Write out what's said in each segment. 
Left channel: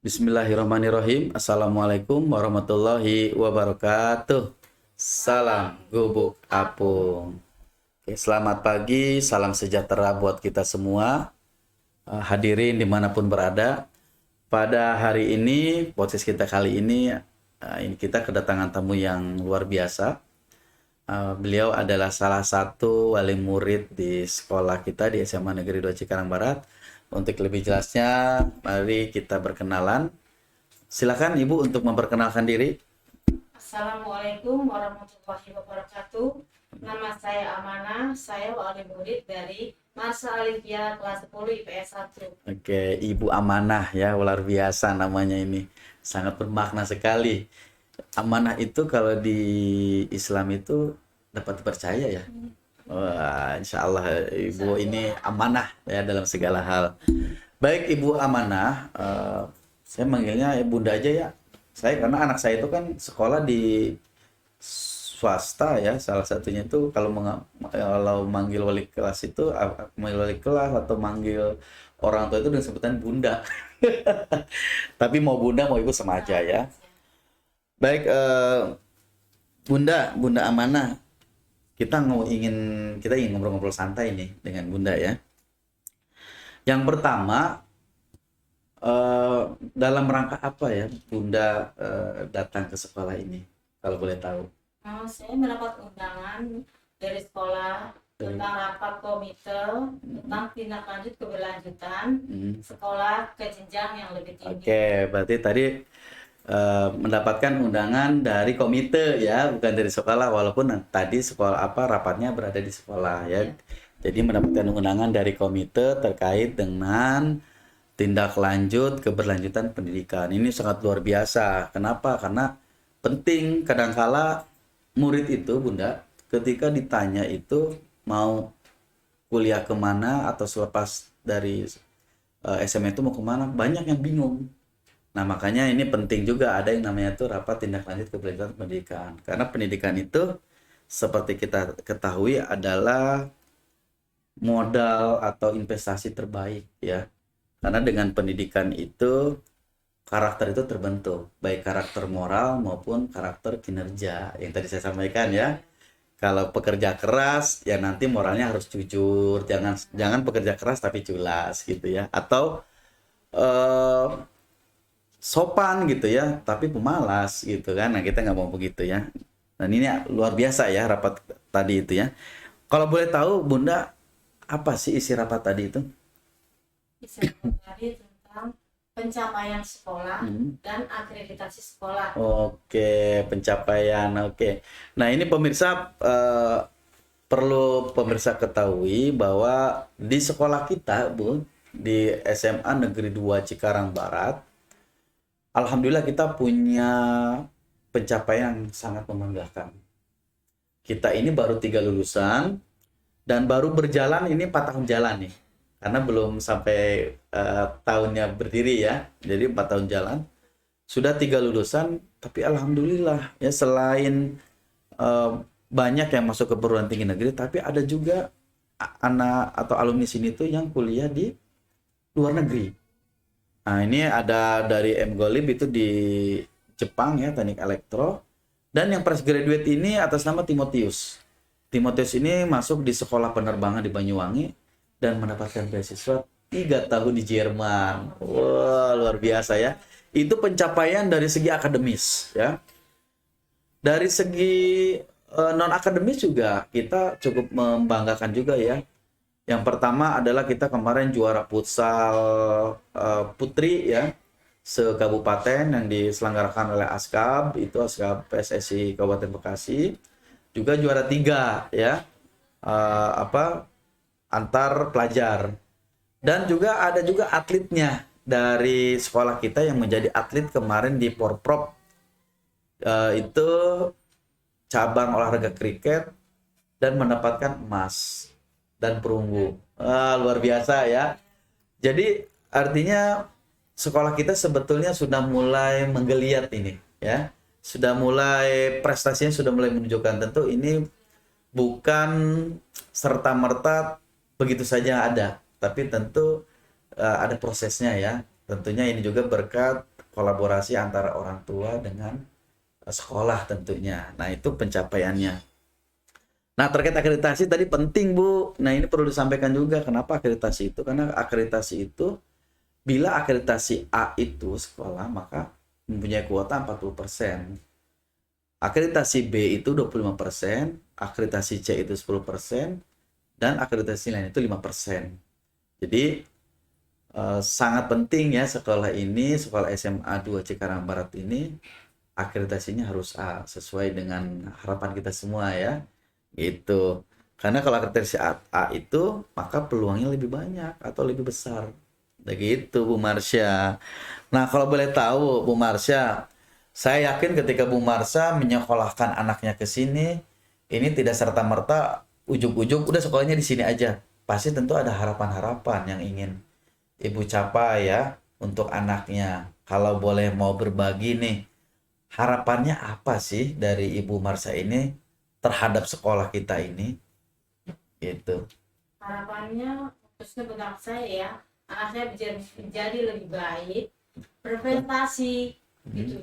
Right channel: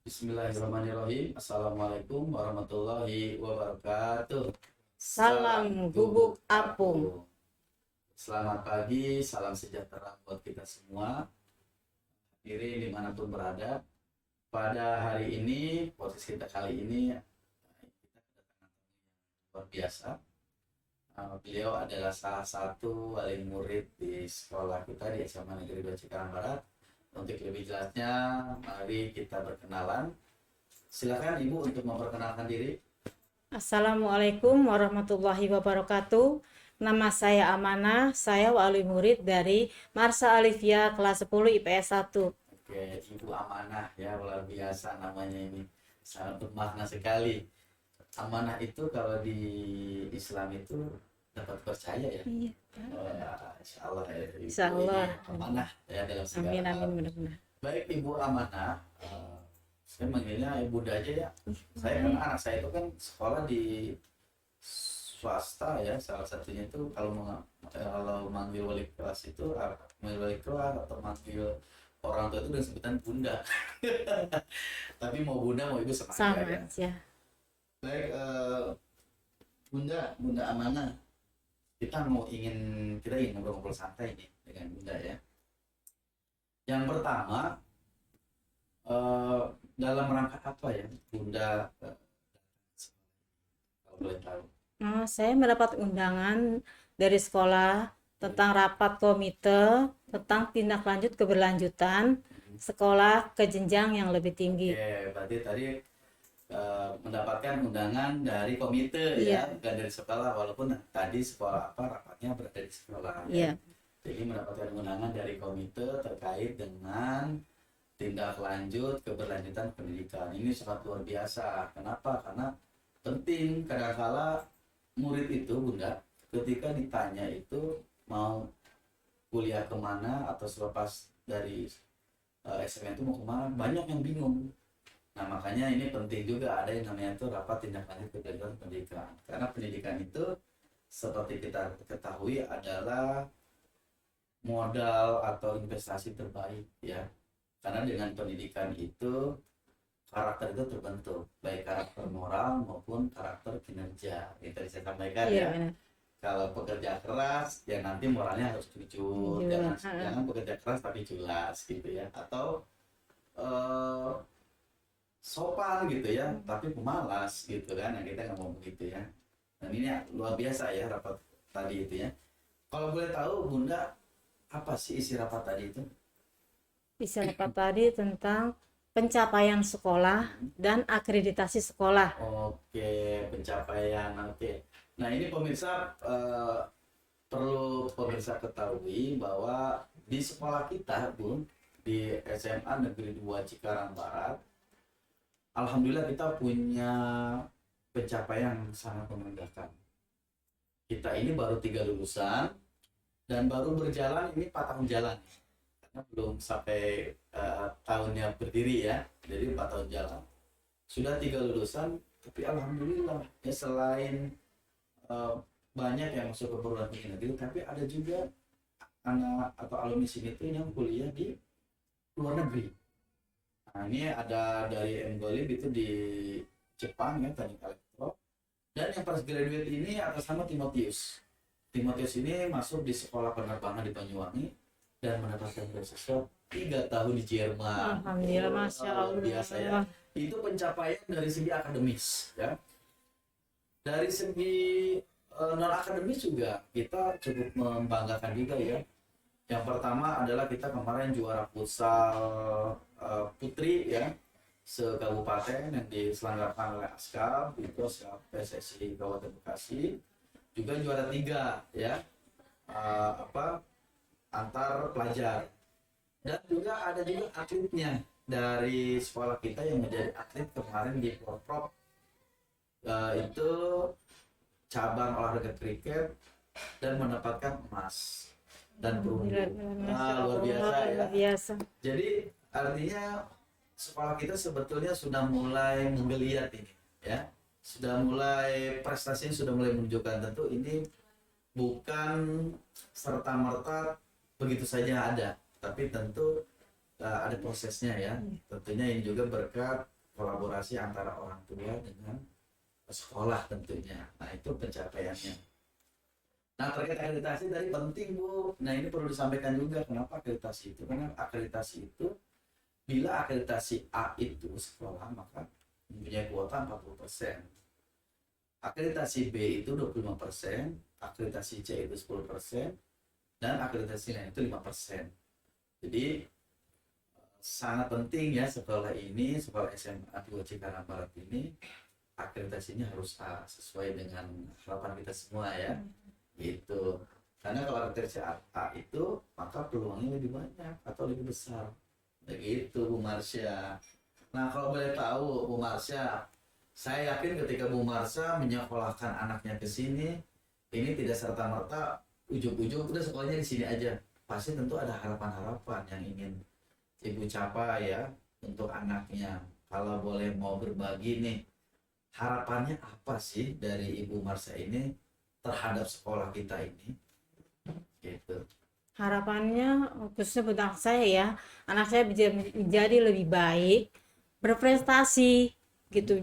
Bismillahirrahmanirrahim. Assalamualaikum warahmatullahi wabarakatuh. Salam Salam gubuk gubuk apung. apung. Oke, selamat pagi, salam sejahtera buat kita semua. Hadirin dimanapun berada. Pada hari ini, podcast kita kali ini kita kedatangan tamu yang luar biasa. Beliau adalah salah satu wali murid di sekolah kita di SMA Negeri 2 Cikarang Barat. Untuk lebih jelasnya, mari kita berkenalan. Silakan Ibu untuk memperkenalkan diri. Assalamualaikum warahmatullahi wabarakatuh. Nama saya Amanah, saya wali murid dari Marsa Alifia kelas 10 IPS 1. Oke, Ibu Amanah ya, luar biasa namanya ini. Sangat bermakna sekali. Amanah itu kalau di Islam itu dapat dipercaya ya. Iya. Wah, insya Allah Insya Ibu ini Allah. amanah ya dalam segala Amin, hal. amin, amin. Baik Ibu Amanah, saya manggilnya Bunda aja ya. Saya karena anak saya itu kan sekolah di swasta ya, salah satunya itu kalau manggil wali kelas itu manggil wali kelas atau manggil orang tua itu dengan sebutan Bunda. Tapi mau Bunda mau Ibu sama aja ya. Sama. Baik Bunda Amanah, kita ingin ngobrol-ngobrol santai nih dengan Bunda ya. Yang pertama, dalam rangka apa ya Bunda datang ke sekolah ini, kalau boleh tahu? Nah, saya mendapat undangan dari sekolah tentang rapat komite tentang tindak lanjut keberlanjutan sekolah ke jenjang yang lebih tinggi. Oke, berarti tadi mendapatkan undangan dari komite ya, bukan dari sekolah, walaupun tadi sekolah rapatnya berada di sekolah ya. Iya. Jadi mendapatkan undangan dari komite terkait dengan tindak lanjut keberlanjutan pendidikan. Ini sangat luar biasa. Kenapa? Karena penting kadangkala murid itu, Bunda, ketika ditanya itu mau kuliah kemana atau selepas dari SMA itu mau kemana, banyak yang bingung. Nah, makanya ini penting juga ada yang namanya tuh rapat tindak lanjut keberlanjutan pendidikan. Karena pendidikan itu seperti kita ketahui adalah modal atau investasi terbaik ya. Karena dengan pendidikan itu karakter itu terbentuk, baik karakter moral maupun karakter kinerja yang tadi saya sampaikan ya. Iya. Kalau pekerja keras ya nanti moralnya harus jujur, Iya. jangan pekerja keras tapi culas gitu ya. Atau eh, sopan gitu ya, tapi pemalas gitu kan. Nah, kita nggak mau begitu ya. Dan ini luar biasa ya rapat tadi itu ya. Kalau boleh tahu Bunda, apa sih isi rapat tadi itu? Isi rapat tadi tentang pencapaian sekolah dan akreditasi sekolah. Oke, pencapaian. Oke. Nah, ini pemirsa perlu pemirsa ketahui bahwa di sekolah kita, Bu, di SMA Negeri 2 Cikarang Barat, alhamdulillah kita punya pencapaian yang sangat membanggakan. Kita ini baru 3 lulusan dan baru berjalan ini 4 tahun jalan nih. Karena belum sampai tahunnya berdiri ya. Jadi 4 tahun jalan. Sudah 3 lulusan, tapi alhamdulillah ya selain banyak yang masuk ke perguruan tinggi negeri, tapi ada juga anak atau alumni sini tuh yang kuliah di luar negeri. Nah, ini ada dari M Golib itu di Jepang ya, teknik elektro. Dan yang fresh graduate ini atas nama Timotius. Timotius ini masuk di sekolah penerbangan di Banyuwangi dan mendapatkan beasiswa 3 tahun di Jerman. Alhamdulillah, Wah, luar biasa ya. Itu pencapaian dari segi akademis ya. Dari segi non akademis juga kita cukup membanggakan juga ya. Yang pertama adalah kita kemarin juara futsal putri ya, se-kabupaten yang diselenggarakan oleh ASKAB, itu ASKAB PSSI Kabupaten Bekasi. Juga juara 3 ya, antar pelajar. Dan juga ada juga atletnya dari sekolah kita yang menjadi atlet kemarin di Porprov, itu cabang olahraga kriket dan mendapatkan emas dan perunggu. Luar biasa ya. Biasa. Jadi artinya sekolah kita sebetulnya sudah mulai menggeliat ini ya. Sudah mulai prestasinya sudah mulai menunjukkan. Tentu ini bukan serta-merta begitu saja ada, tapi tentu ada prosesnya ya. Tentunya ini juga berkat kolaborasi antara orang tua dengan sekolah tentunya. Nah, itu pencapaiannya. Nah, terkait akreditasi tadi penting, Bu. Nah, ini perlu disampaikan juga kenapa akreditasi itu. Karena akreditasi itu, bila akreditasi A itu sekolah, maka mempunyai kuota 40%. Akreditasi B itu 25%, akreditasi C itu 10%, dan akreditasi lain itu 5%. Jadi, sangat penting ya sekolah ini, sekolah SMA 2 Cikarang Barat ini, akreditasinya harus A, sesuai dengan harapan kita semua ya. Gitu. Karena kalau akreditasi A itu, maka peluangnya lebih banyak atau lebih besar. Begitu, Bu Marsha. Nah, kalau boleh tahu, Bu Marsha, saya yakin ketika Bu Marsha menyekolahkan anaknya ke sini, ini tidak serta-merta ujung-ujung udah sekolahnya di sini aja. Pasti tentu ada harapan-harapan yang ingin Ibu capai ya untuk anaknya. Kalau boleh mau berbagi nih, harapannya apa sih dari Ibu Marsha ini terhadap sekolah kita ini? Gitu. Harapannya khususnya buat anak saya ya, anak saya menjadi lebih baik, berprestasi gitu,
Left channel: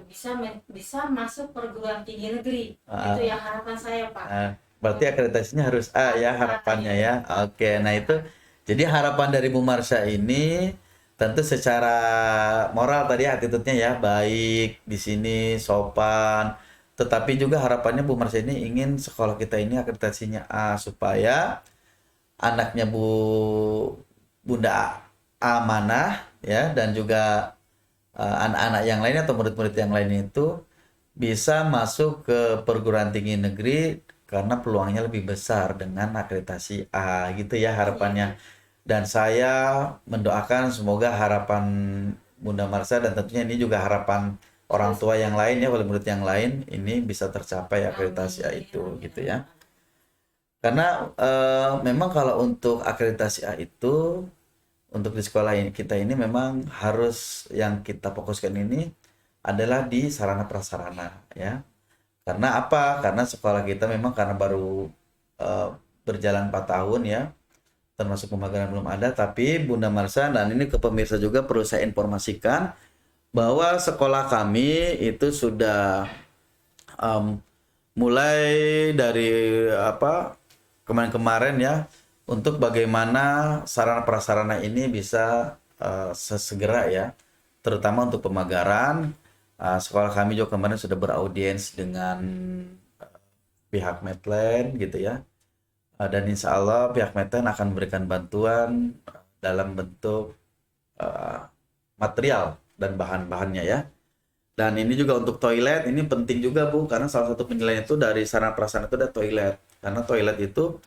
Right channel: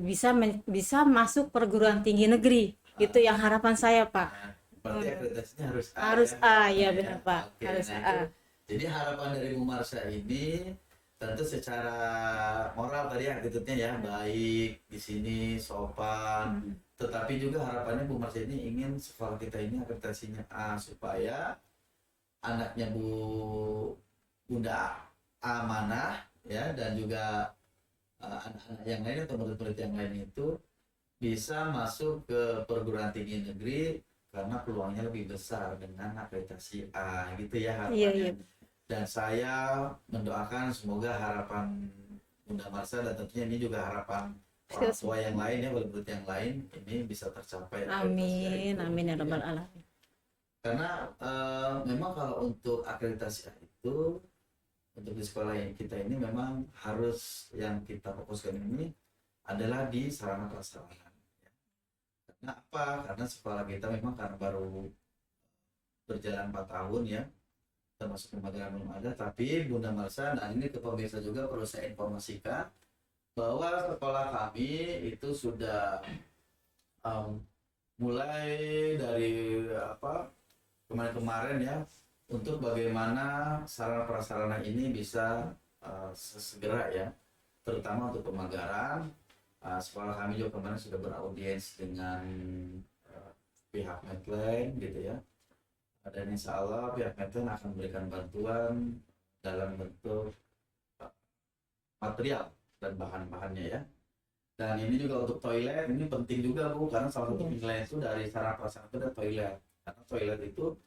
bisa masuk perguruan tinggi negeri. Itu yang harapan saya, Pak. Berarti akreditasinya harus A Harus ya A, harapannya iya, ya. Pak. Oke, Harus nah itu A. jadi harapan dari Bu Marsha ini tentu secara moral tadi attitude-nya ya baik di sini sopan. Tetapi juga harapannya Bu Marsha ini ingin sekolah kita ini akreditasinya A supaya anaknya Bunda amanah ya, dan juga anak-anak yang lain atau murid-murid yang lain itu bisa masuk ke perguruan tinggi negeri karena peluangnya lebih besar dengan akreditasi A gitu ya harapannya. Iya. Dan saya mendoakan semoga harapan Bunda Marsha dan tentunya ini juga harapan orang tua yang lain ya, wali murid yang lain ini bisa tercapai akreditasi A itu Amin, gitu ya ya. Rabbal Alamin. Karena memang kalau untuk akreditasi A itu untuk di sekolah ini kita ini memang harus yang kita fokuskan ini adalah di sarana prasarana ya. Karena apa? Karena sekolah kita memang karena baru berjalan 4 tahun ya, termasuk pemagangan belum ada, tapi Bunda Marsha dan ini ke pemirsa juga perlu saya informasikan bahwa sekolah kami itu sudah mulai dari kemarin-kemarin ya, untuk bagaimana sarana prasarana ini bisa sesegera ya, terutama untuk pemagaran. Sekolah kami juga kemarin sudah beraudiens dengan pihak Medland gitu ya, dan insya Allah pihak Medland akan memberikan bantuan dalam bentuk material dan bahan-bahannya ya. Dan ini juga untuk toilet, ini penting juga Bu, karena salah satu penilaian itu dari sarana prasarana itu ada toilet. Karena toilet itu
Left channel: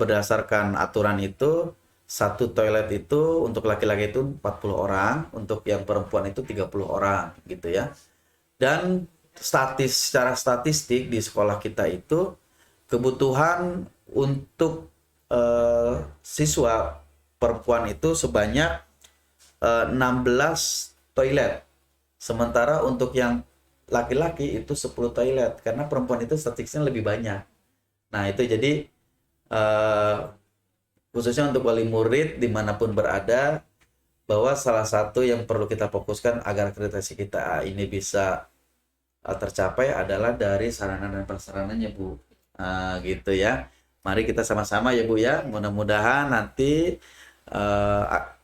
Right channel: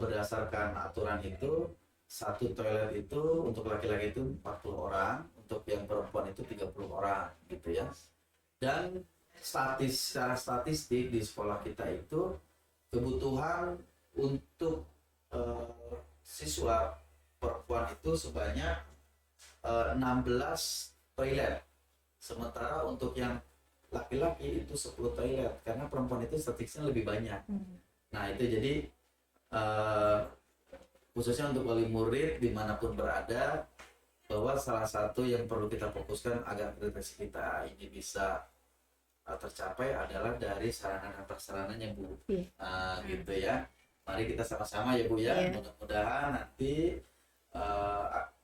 berdasarkan aturan itu, satu toilet itu untuk laki-laki itu 40 orang, untuk yang perempuan itu 30 orang gitu ya. Dan secara statistik di sekolah kita itu kebutuhan untuk siswa perempuan itu sebanyak 16 toilet. Sementara untuk yang laki-laki itu 10 toilet, karena perempuan itu statistiknya lebih banyak. Nah itu jadi khususnya untuk wali murid dimanapun berada, bahwa salah satu yang perlu kita fokuskan agar akreditasi kita ini bisa tercapai adalah dari sarana dan prasarananya Bu. Gitu ya. Mari kita sama-sama ya Bu ya. Mudah-mudahan nanti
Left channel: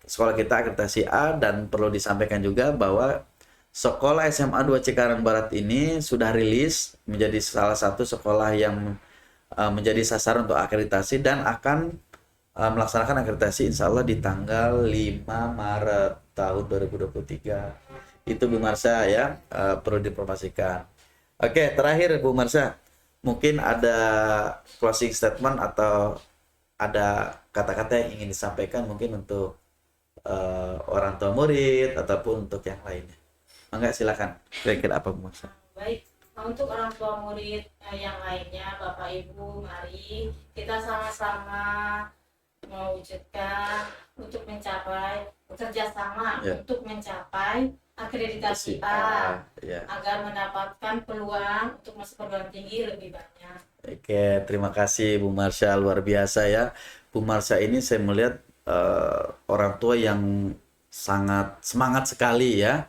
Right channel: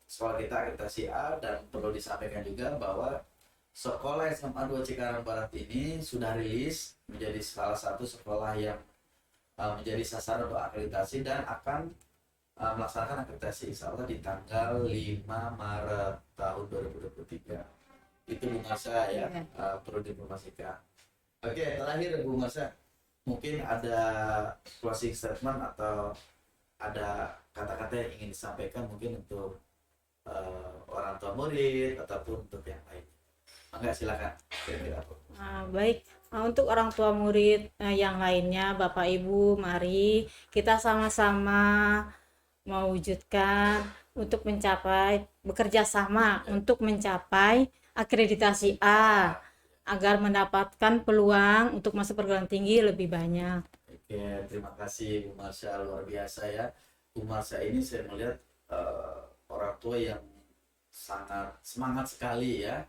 sekolah kita akreditasi A, dan perlu disampaikan juga bahwa sekolah SMA 2 Cikarang Barat ini sudah rilis menjadi salah satu sekolah yang menjadi sasaran untuk akreditasi dan akan melaksanakan akreditasi insya Allah di tanggal 5 Maret tahun 2023. Itu Bu Marsha ya, perlu diinformasikan. Oke, terakhir Bu Marsha, mungkin ada closing statement atau ada kata-kata yang ingin disampaikan mungkin untuk orang tua murid ataupun untuk yang lainnya. Enggak, silakan. Kira-kira apa Bu Marsha? Baik, untuk orang tua murid yang lainnya, Bapak Ibu, mari kita sama-sama mewujudkan untuk bekerja sama untuk mencapai akreditasi A agar mendapatkan peluang untuk masuk perguruan tinggi lebih banyak. Oke, terima kasih Bu Marsha, luar biasa ya. Bu Marsha ini saya melihat orang tua yang sangat semangat sekali ya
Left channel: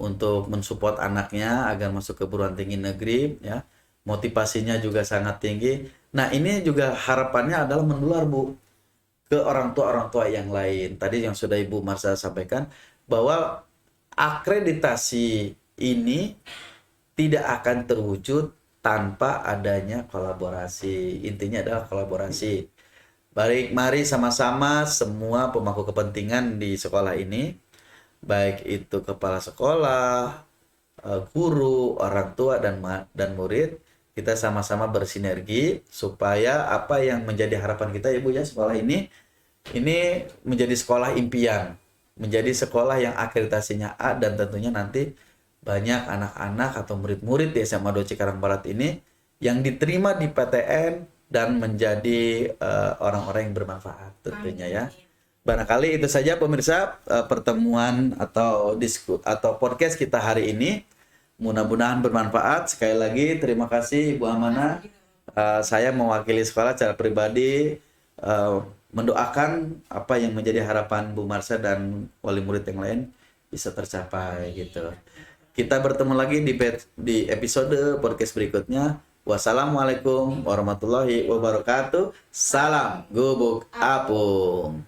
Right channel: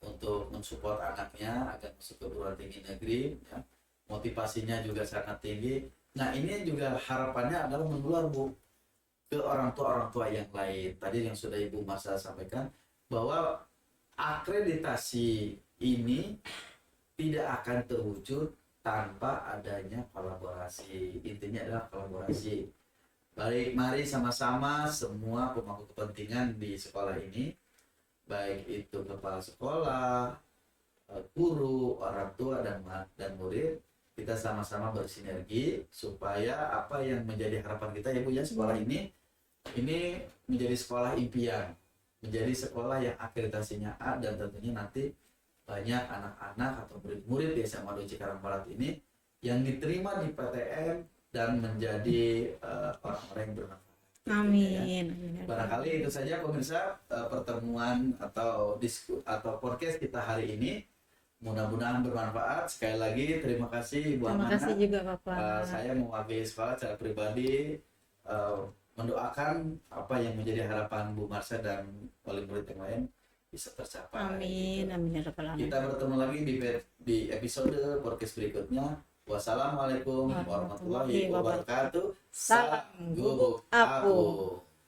untuk mensupport anaknya agar masuk ke perguruan tinggi negeri ya. Motivasinya juga sangat tinggi. Nah, ini juga harapannya adalah menular, Bu, ke orang tua yang lain. Tadi yang sudah Ibu Marsha sampaikan bahwa akreditasi ini tidak akan terwujud tanpa adanya kolaborasi. Intinya adalah kolaborasi. Baik, mari sama-sama semua pemangku kepentingan di sekolah ini, baik itu kepala sekolah, guru, orang tua dan murid, kita sama-sama bersinergi supaya apa yang menjadi harapan kita, Ibu, ya, sekolah ini menjadi sekolah impian, menjadi sekolah yang akreditasinya A, dan tentunya nanti banyak anak-anak atau murid-murid di SMA 2 Cikarang Barat ini yang diterima di PTN dan menjadi orang-orang yang bermanfaat tentunya. Amin. Ya. Amin. Barangkali itu saja pemirsa pertemuan atau podcast kita hari ini. Mudah-mudahan bermanfaat. Sekali lagi terima kasih Ibu Terima Amana. kasih juga Bapak. Saya mewakili sekolah secara pribadi mendoakan apa yang menjadi harapan Bu Marsha dan wali murid yang lain bisa tercapai. Amin. Gitu. Amin ya Rabbal Alamin. Kita bertemu lagi di episode podcast berikutnya. Wassalamualaikum warahmatullahi wabarakatuh. Salam Gubuk Apung.